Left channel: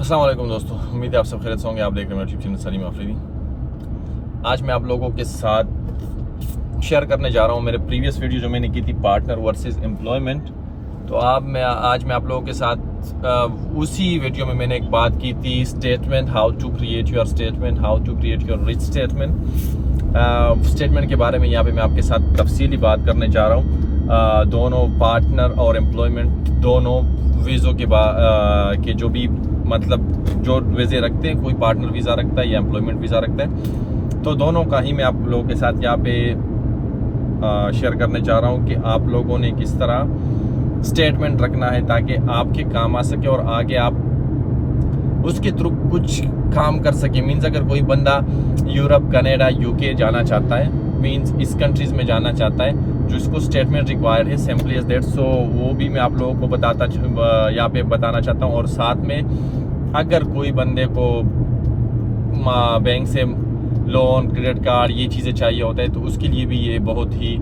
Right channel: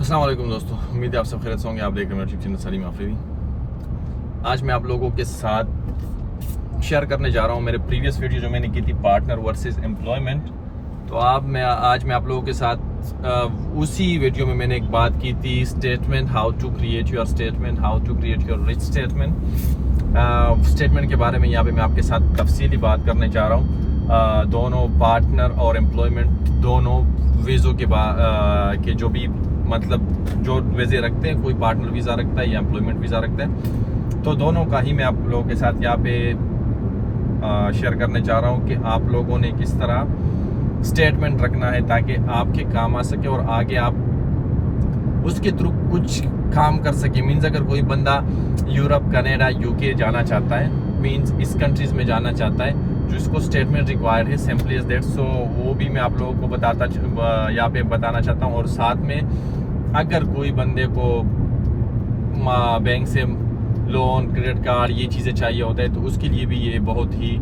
अस्सलाम वालेकुम दोस्तों, उम्मीद है आप सब खैरियत से होंगे। आप देख रहे हैं मेरा यूट्यूब चैनल सलीम आफरीदी। आज मैं आप लोगों के साथ शेयर करने जा रहा हूं मेरे प्रीवियस वीडियो जो मैंने की थी पार्टनर वर्सेस एम्प्लॉयमेंट। तो आज मैं आप लोगों के साथ उसी वीडियो में मैंने एक बात की थी, statement, how to create your statement, how to create your rich statement. Statement के बारे में यहाँ पे मैं आपके साथ तफसीली बात करने जा रहा हूँ। दोनों पार्टनर और एम्प्लॉयमेंट दोनों वीज़ों के जो भी मतलब जो वीज़े रखते हैं, कोई पार्टनर वीज़ा रखता है या एम्प्लॉयमेंट वीज़ा रखता है, तो दोनों का ही मैं आप लोगों के साथ यहाँ पे शेयर करने जा रहा हूँ कि आप लोगों ने किस तरह स्टेटमेंट रखना है ताकि आपके काम आ सके और आगे आप उसके थ्रू कुछ काम कर सके। मीन्स अगर कोई बंदा यूरोप, कनाडा, यूके जाना चाहता है, मीन्स इस कंट्रीज़ में जाना चाहता है जिसको स्टेटमेंट रिक्वायर्ड है, सिंपली एज दैट। सो वो भी मैं आप लोगों को यहाँ पे बताना चाहता हूँ। और साथ में अगर कोई बंदे को बैंक से लोन, क्रेडिट कार्ड, ये चीज़ें चाहिए होता है तो उसके लिए भी ये बहुत ही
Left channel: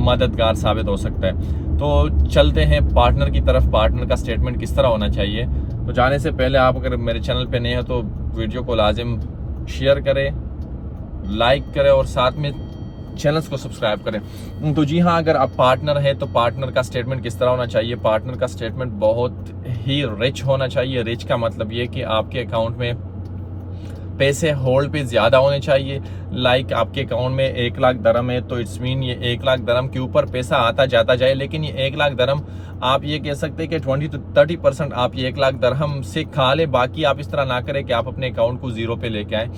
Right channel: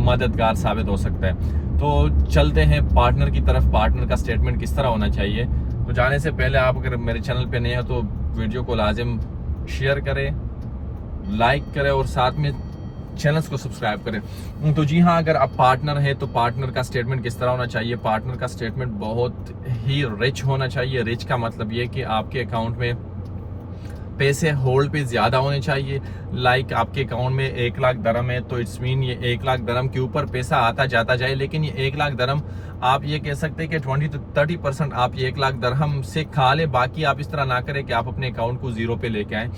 मददगार साबित हो सकता है। तो चलते हैं पार्टनर की तरफ। पार्टनर का स्टेटमेंट किस तरह होना चाहिए, तो जाने से पहले आप अगर मेरे चैनल पे नए हैं तो वीडियो को लाजिम शेयर करें, लाइक करें और साथ में चैनल्स को सब्सक्राइब करें। तो जी हाँ, अगर आप पार्टनर है तो पार्टनर का स्टेटमेंट किस तरह होना चाहिए। पार्टनर का स्टेटमेंट बहुत ही रिच होना चाहिए। रिच का मतलब ये कि आपके अकाउंट में पैसे होल्ड पे ज़्यादा होने चाहिए। लाइक आपके अकाउंट में 1 लाख दरम है तो इट्स मीन ये 1 लाख दरम के ऊपर पैसा आता जाता जाए, लेकिन ये 1 लाख दरम आप ये कह सकते हैं कि 20 to 30% आप ये 1 लाख दरहम से खा ले। बाकी आप इस तरह ना करें कि आप अपने अकाउंट को ज़ीरो पे लेके आएँ।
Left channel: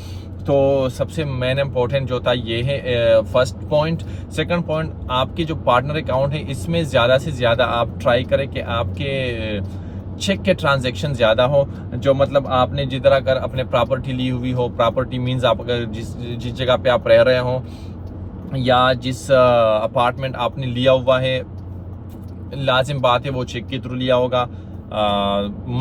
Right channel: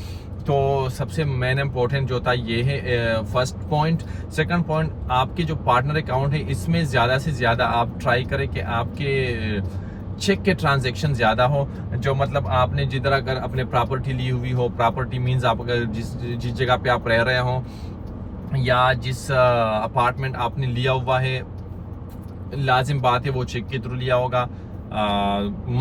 तो सबसे मेन इम्पोर्टेंट जो था ये है फर्स्ट पॉइंट। सेकंड पॉइंट, आपके जो पार्टनर अकाउंट है इसमें ज़्यादा से ज़्यादा आप ट्राई करें कि आपके चेक के ट्रांजैक्शन ज़्यादा हो। जो मतलब आपने जिधर अगर अपने प्रॉपर्टी ली हुई हो, प्रॉपर्टी मीन्स आप अगर जिस जगह पे आप रह रहे हो या जिस अपार्टमेंट आपने लिया हुआ है, लाजिम बात है वो चेक के थ्रू लिया होगा,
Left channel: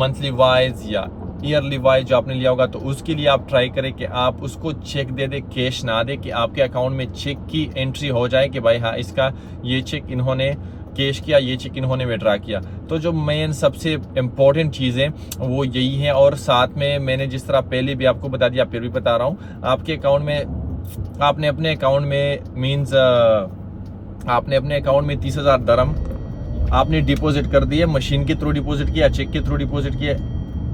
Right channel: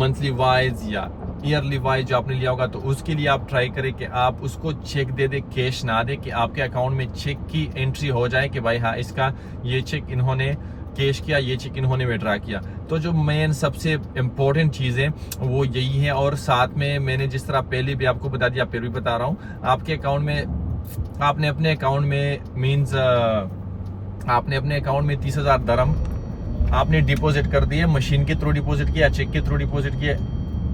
मंथली वाइज या ईयरली वाइज जो आपने लिया होगा। तो उसके लिए आप ट्राई करें कि आप उसको चेक दे दे, कैश ना दे, कि आपके अकाउंट में चेक की एंट्री हो जाए कि भाई हाँ इसका ये चेक इन्होंने कैश किया, ये चेक इन्होंने विड्रा किया। तो जो मेन सबसे इम्पोर्टेंट चीज़ें वो यही है। और साथ में मैंने जिस तरह पहले भी आपको बता दिया, फिर भी बता रहा हूँ, आपके अकाउंट में आपने अपने अकाउंट में मीन्स आपने अपने अकाउंट में 30,000 दरम आपने डिपॉजिट कर दिए, मशीन के थ्रू डिपॉजिट किया, चेक के थ्रू डिपॉजिट किया।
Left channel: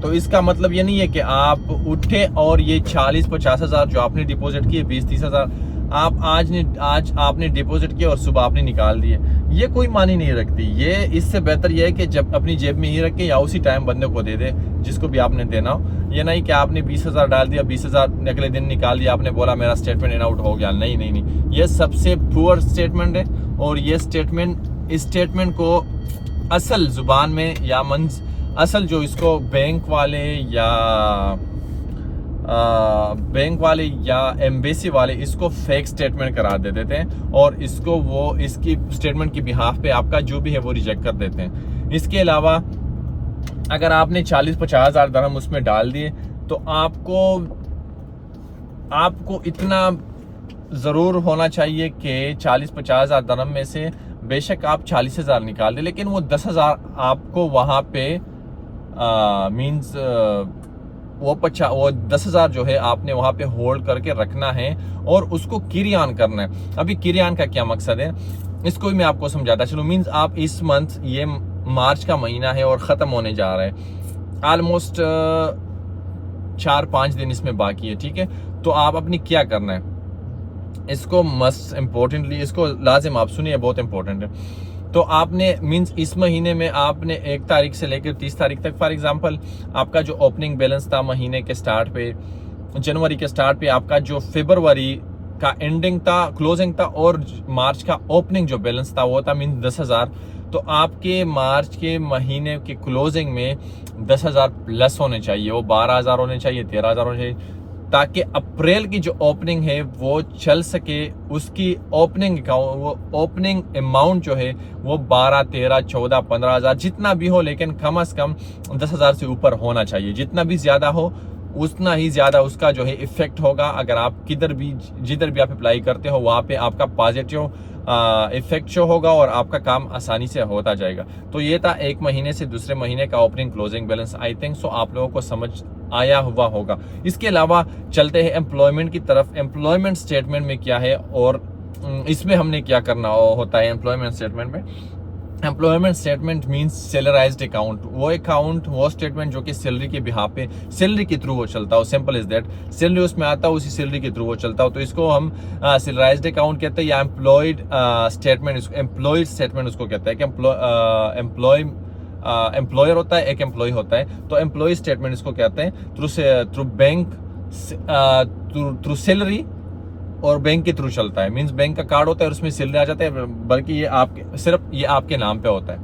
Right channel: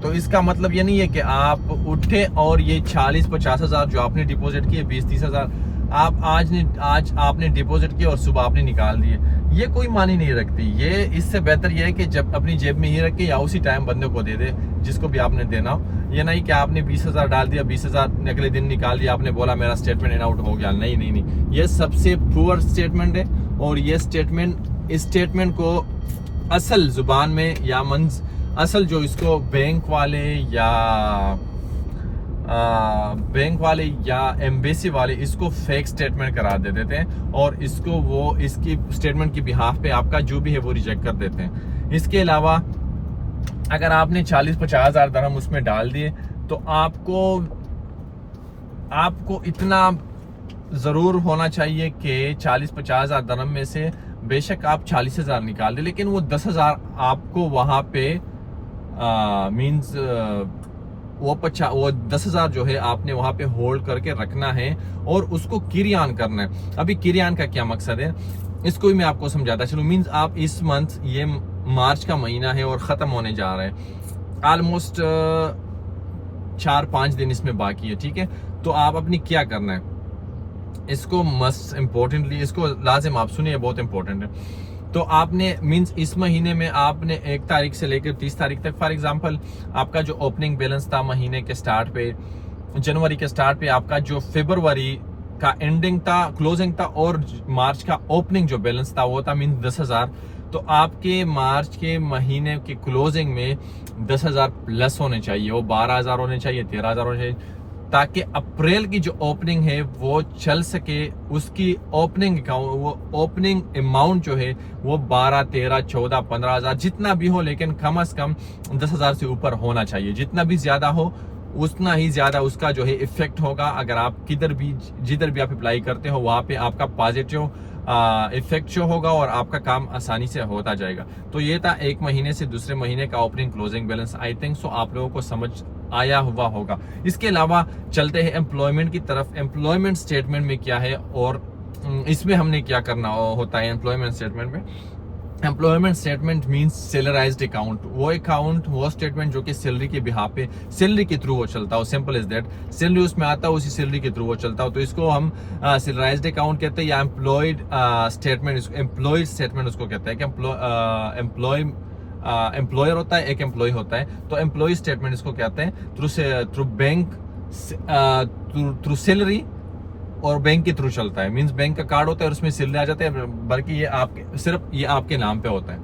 तो इसका मतलब ये नहीं है कि आप उठे और ये 40-50 हज़ार जो आपने डिपॉजिट किए, 20-30 हज़ार आप आज आपने डिपॉजिट किया और सुबह आपने निकाल दिए। ये कोई मानी नहीं रखती। ये इससे बेहतर ये है कि जब अपनी जेब में ही रखें या उसी टाइम बंदे को दे दे जिसको भी आपने देना हो। ये नहीं कि आपने 20 हज़ार डाल दिया, 20 हज़ार अगले दिन निकाल दिया, आपने बोला मेरा स्टेटमेंट इन आउट हो गया। नहीं नहीं नहीं, ये सबसे पुअर स्टेटमेंट है। और ये इस स्टेटमेंट को असल जुबान में या असल जो इसको बैंक वाले या एम्बेसी वाले इसको फेक स्टेटमेंट करा देते हैं और इसको वो इसकी स्टेटमेंट की बिहाफ पे आपका जो भी है वो रिजेक्ट कर देते हैं। इसके अलावा अगर आपने 40-50 हज़ार दरहम उसमें डाल दिए तो आपको इतना ज़रूर होना चाहिए कि 40-50 हज़ार दरहम में से बेशक आप 40 हज़ार निकाल दें, लेकिन वो 10 हज़ार आपको वहाँ पे मीन्स वो 10 हज़ार जो है आपने वहाँ पे होल्ड करके रखना है और उसको किरियान करना है। अभी किरियान का क्या मकसद है इसको भी मैं आपको समझाता चलूँ। मीन्स आप इस मंथ, ये मार्च का महीना है और ख़त्म होने जा रहा है, ऑलमोस्ट 4-5 दिन इसमें बाकी है, ठीक है। तो आप अपनी क्या करना है, इसको मस्ट इम्पोर्टेंटली इसको लाजिम आप सुनिए, बहुत इंपॉर्टेंट है। तो आपने मीन्स इस महीने में आपने 1 तारीख से लेकर 30 तारीख तक, फॉर एग्जांपल आपका जो ओपनिंग बैलेंस था महीने के स्टार्ट पे, जनवरी के स्टार्ट पे आपका जो फरवरी का एंडिंग था, क्लोजिंग था, और मार्च का ओपनिंग जो बैलेंस था वो था मीन्स 10 हज़ार। तो आपके मार्च के महीने की क्लोजिंग में 10 हज़ार प्लस होने चाहिए, वो 12 हज़ार होने चाहिए, 13 हज़ार होने चाहिए, ताकि अप्रैल की जो ओपनिंग है वो चल सके। उसकी ओपनिंग अमाउंट जो है वो 12, 13, 14, 15 हज़ार जितना भी हो, लेकिन कम से कम 10 हज़ार से ऊपर होना चाहिए। जितना भी ज़्यादा हो उतना ही ज़्यादा उसका जो है इफेक्ट होगा। अगर आप जिधर भी आप अप्लाई करते हो वहाँ पे आपका पॉजिटिव इफेक्ट शो होगा और आपका काम आसानी से होता जाएगा। तो ये था एक महीने से दूसरे महीने का opening closing balance. I think so आप लोगों को समझ आया हुआ होगा। इसके अलावा चलते हैं एम्प्लॉयमेंट की तरफ। एम्प्लॉयमेंट स्टेटमेंट में क्या है और इसमें हमने क्या करना होता है। एम्प्लॉयमेंट स्टेटमेंट में, एम्प्लॉयमेंट स्टेटमेंट मींस सैलराइज्ड अकाउंट, वो स्टेटमेंट जो कि सैलरी के बिहाफ पे सैलरी के थ्रू वो चलता हो। सिंपल इज दैट, सैलरी उसमें आता है, उसी सैलरी के थ्रू वो चलता हो। तो इसको हम सैलराइज्ड अकाउंट कहते हैं या एम्प्लॉयड स्टेटमेंट, एम्प्लॉयड स्टेटमेंट उसको कहते हैं कि एम्प्लॉयर होता है, एक एम्प्लॉय होता है। तो एम्प्लॉय स्टेटमेंट इसको कहते हैं। थ्रू बैंक, थ्रू सैलरी और बैंक के थ्रू चलता है। मींस बैंक का कार्ड होता है और उसमें सैलरी आ जाता है, बल्कि ये आपके नाम पे होता है।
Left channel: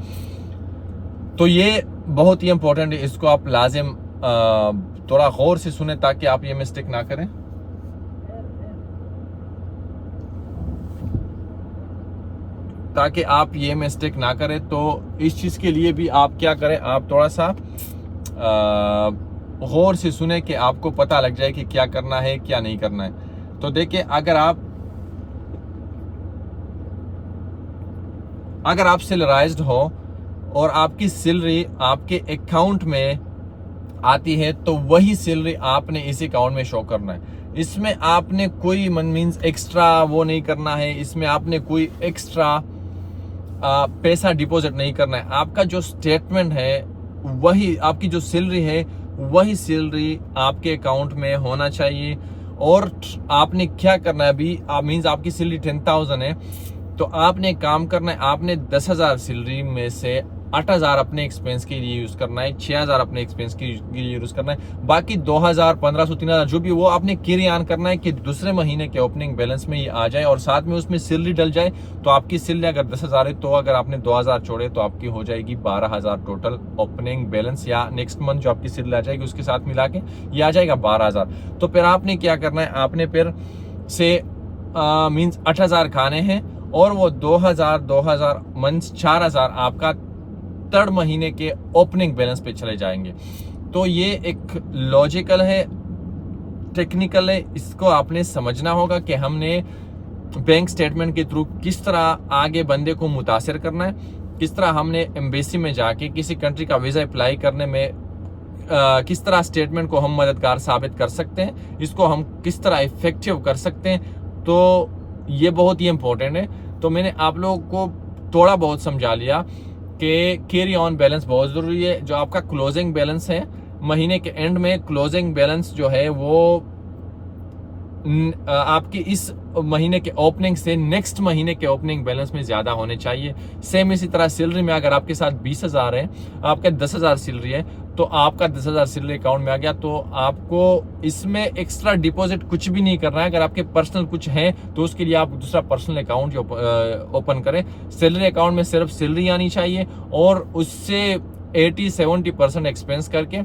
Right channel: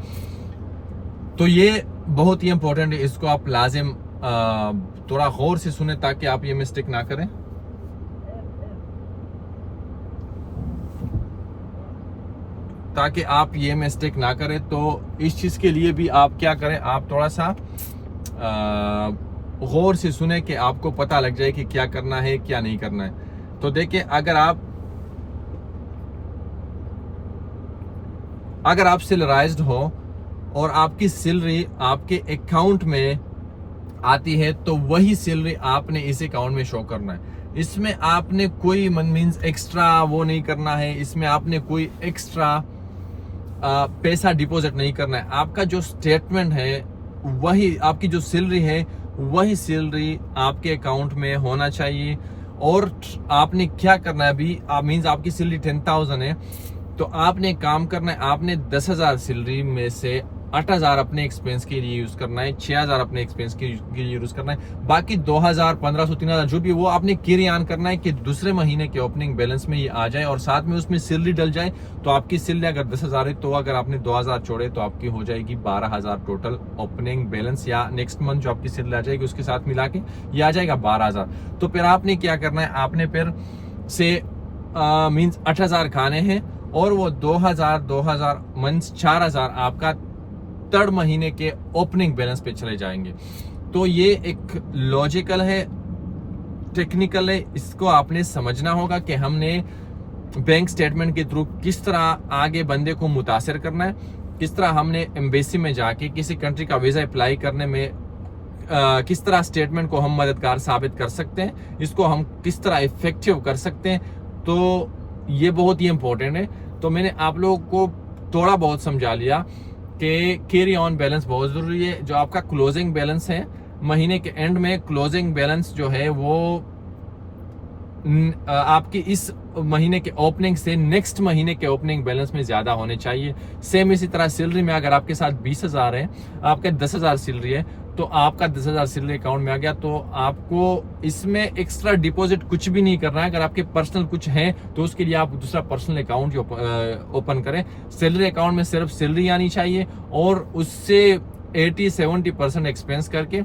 तो ये बहुत ही इंपॉर्टेंट है, इसको आप लाजिम थोड़ा गौर से सुने ताकि आप ये मिस्टेक ना करें। ताकि आप ये मिस्टेक ना करें, तो इस चीज के लिए भी आप क्या करें, आप थोड़ा सा गौर से सुने कि आपको पता लग जाए कि क्या करना है क्या नहीं करना है। तो देखिए, अगर आप सैलराइज्ड हो और आपकी सैलरी आपके अकाउंट में आती है, तो वही सैलरी आपने इस अकाउंट में शो करना है। इसमें आपने कोई मींस एक्स्ट्रा वो नहीं करना है, इसमें आपने कोई एक्स्ट्रा पैसा डिपॉजिट नहीं करना है। आपका जो स्टेटमेंट है वही, आपकी जो सैलरी है वही सैलरी आपके अकाउंट में होना चाहिए। और आपने क्या करना है अभी, मींस आपकी सैलरी 10,000 है, तो आपने काम करना है, आपने 10,000 सैलरी में से 8,000 अपने एक्सपेंस के लिए यूज करना है, 6,000 अपने एक्सपेंस के लिए यूज करना है, बाकी 2,000, 1,500, 3,000 जो भी वो आपने कैरी ऑन करना है कि दूसरे महीने के ओपनिंग बैलेंस में ये आ जाए और साथ में उसमें सैलरी डल जाए। तो आपकी सैलरी अगर 10,000 है, तो अगर आपने 2,000 छोड़े तो आपकी हो जाएगी 12,000 टोटल ओपनिंग बैलेंस, या नेक्स्ट मंथ जो आपकी सैलरी आ जाएगी उसके साथ मिला के ये आ जाएगा 12,000। तो फिर आपने क्या करना है, आपने फिर से मीन्स 8,000 खाने हैं और वो 2,000 मीन्स 4,000 आपका थर्ड महीने के ओपनिंग बैलेंस पे चले जाएंगे। तो ये एक लॉजिकल है, टेक्निकल है, इसको आपने समझना होगा कि हमने बैंक स्टेटमेंट के थ्रू किस तरह आगे बंदे को मुतासिर करना है, किस तरह हमने एम्बेसी में जाके किसी कंट्री का वीजा अप्लाई करने में किस तरह स्टेटमेंट को हम मददगार साबित कर सकते हैं, इसको हम किस तरह इफेक्टिव कर सकते हैं। तो ये बहुत ही इंपॉर्टेंट है। तो मैंने आप लोगों को थोड़ा बहुत समझा लिया कि कैरी ऑन बैलेंस बहुत जरूरी है। जो आपका क्लोजिंग बैलेंस है महीने के एंड में, क्लोजिंग बैलेंस जो है वो आपकी इस महीने के ओपनिंग से नेक्स्ट महीने के ओपनिंग बैलेंस में ज्यादा होने चाहिए। सेम इसी तरह सैलरी में अगर आपके साथ 20,000 है, आपका 10,000 सैलरी है, तो आपका 10,000 सैलरी अकाउंट में आ गया, तो आपको इसमें एक्स्ट्रा डिपॉजिट कुछ भी नहीं करना है। अगर आपके पर्सनल कुछ है तो उसके लिए आप दूसरा पर्सनल अकाउंट ओपन करें। सैलरी अकाउंट में सिर्फ सैलरी आनी चाहिए और उससे 80-70% एक्सपेंस करके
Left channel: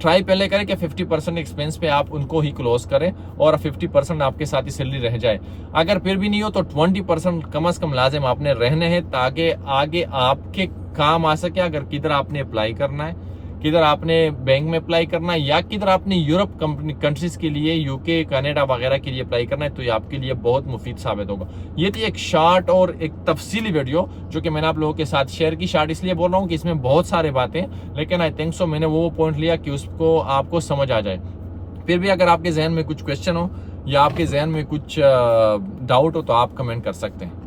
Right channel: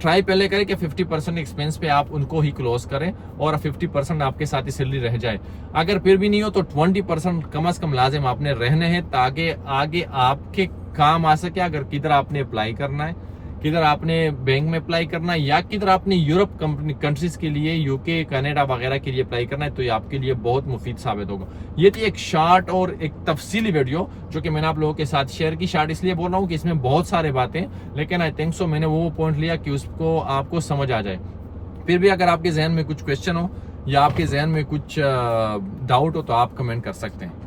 ट्राई पहले करें कि 50% एक्सपेंस पे आप उनको ही क्लोज करें और 50% आपके साथ ही सैलरी रह जाए। अगर फिर भी नहीं हो तो 20% कम से कम लाजिम आपने रहने हैं ताकि आगे आपके काम आ सके। अगर किधर आपने अप्लाई करना है, किधर आपने बैंक में अप्लाई करना है या किधर आपने यूरोप कंट्रीज के लिए, यूके, कनाडा वगैरह के लिए अप्लाई करना है, तो ये आपके लिए बहुत मुफीद साबित होगा। ये थी एक शॉर्ट और एक तफसीली वीडियो जो कि मैंने आप लोगों के साथ शेयर की। शॉर्ट इसलिए बोल रहा हूँ कि इसमें बहुत सारे बातें, लेकिन आई थिंक सो मैंने वो पॉइंट लिया कि उसको आपको समझ आ जाए। फिर भी अगर आपके जहन में कुछ क्वेश्चन हो या आपके जहन में कुछ डाउट हो तो आप कमेंट कर सकते हैं।